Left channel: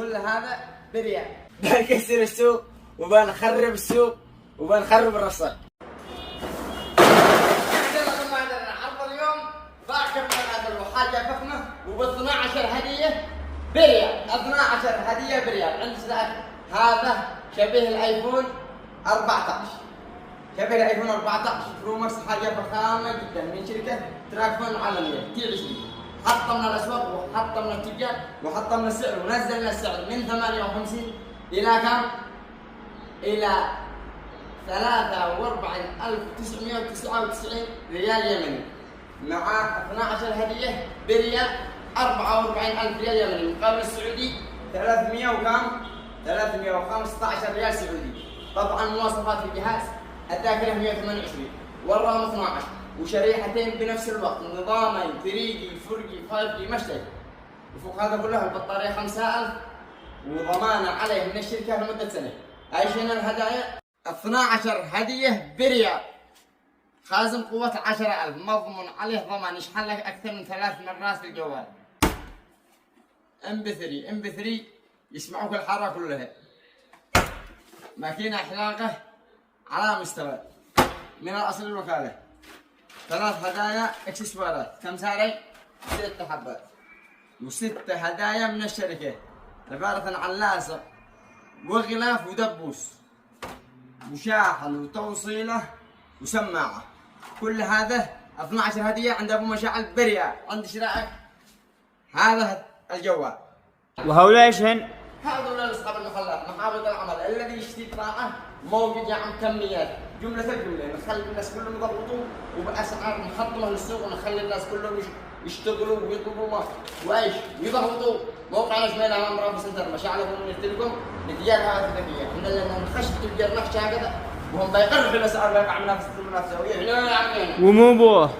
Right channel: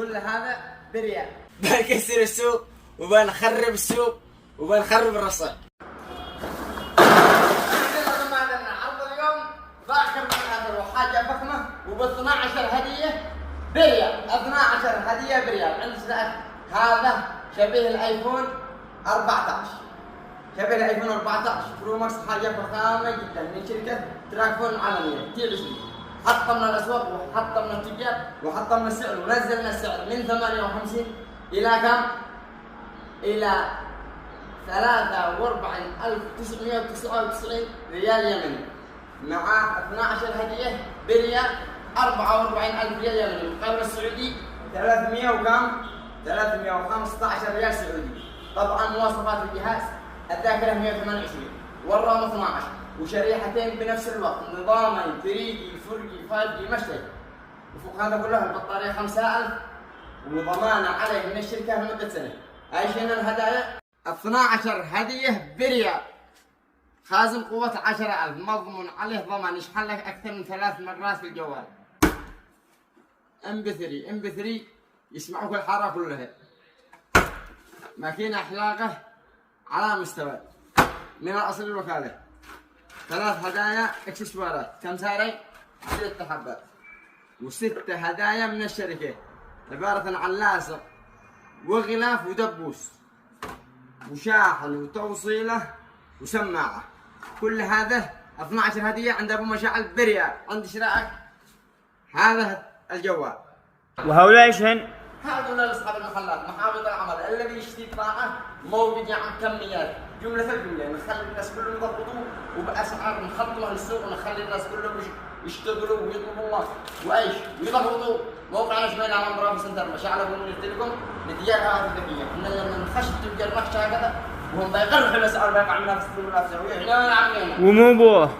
كل هذا بريال. بنكسر السوق وبنخرب السوق وبنخرب الرصيف. عرض اليوم ذاكر حاجة فخمة وب 12 هدية بريال. 12 هدية بريال. عندنا هذا شبيه الايفون 14. شبيه الايفون 14 برو ماكس، حاجة فخامة جدا من شركة تراكفون عالمية تي 20. حطمنا الاسواق وحطمنا التجار وحطمنا السعر ونزلنا السعر من 58 الى كم؟ الى 43,999 ريال يمني، مع 12 هدية بريال 44,000 ريال يمني، مقابل السعودي 300 وكم؟ 315 ريال سعودي. طبعا مواصفات الجهاز: الذاكرة 128 والرام 12 وشريحتين بنفس الوقت، نظامين 3G 4G 5G مشترك. وفوق هذا كله البطارية 5000 وضمان عليه من الشركة لمدة سنة. ايش هنا الهدايا؟ 12 هدية بريال، خازن قوة 10,000، مضمون عليه ضمان يشحن لك أكثر من 3 مرات في الجوال. MP3 يسمعوك الحارة كلها. ماكينة حلاقة على مستوى من الأصل الوكالة. 3 هدايا اكسسوارات. كم سعري؟ 6 حبات. و6 هدايا من الشركة، عبارة عن لاصق وغلاف ودبوس وشاحن وتوصيله وسماعة. كل هذا 12 هدية عند أبو مشاعل بريال. عند شراء هذا الجوال. وهؤلاء ايش هن؟ هذول أصحاب المحلات محافظ العمل. الذي يشتري بضاعة موجود يعمل كميات جملة نخلي الناس كلهم يضبطوا وبأسعار محطمة للسوق، نخلي الناس كلهم يشتغلوا ويطلبوا وإيش ويضبطوا. موقعنا شبينا على أمراض سنتر مشاعل أبو التليكوم لتجارة الذكية. إحنا لما نخش تجار نخش هكذا وهم بيقرحوا الأسعار ويقع منافسة المنافسة. ومو بوه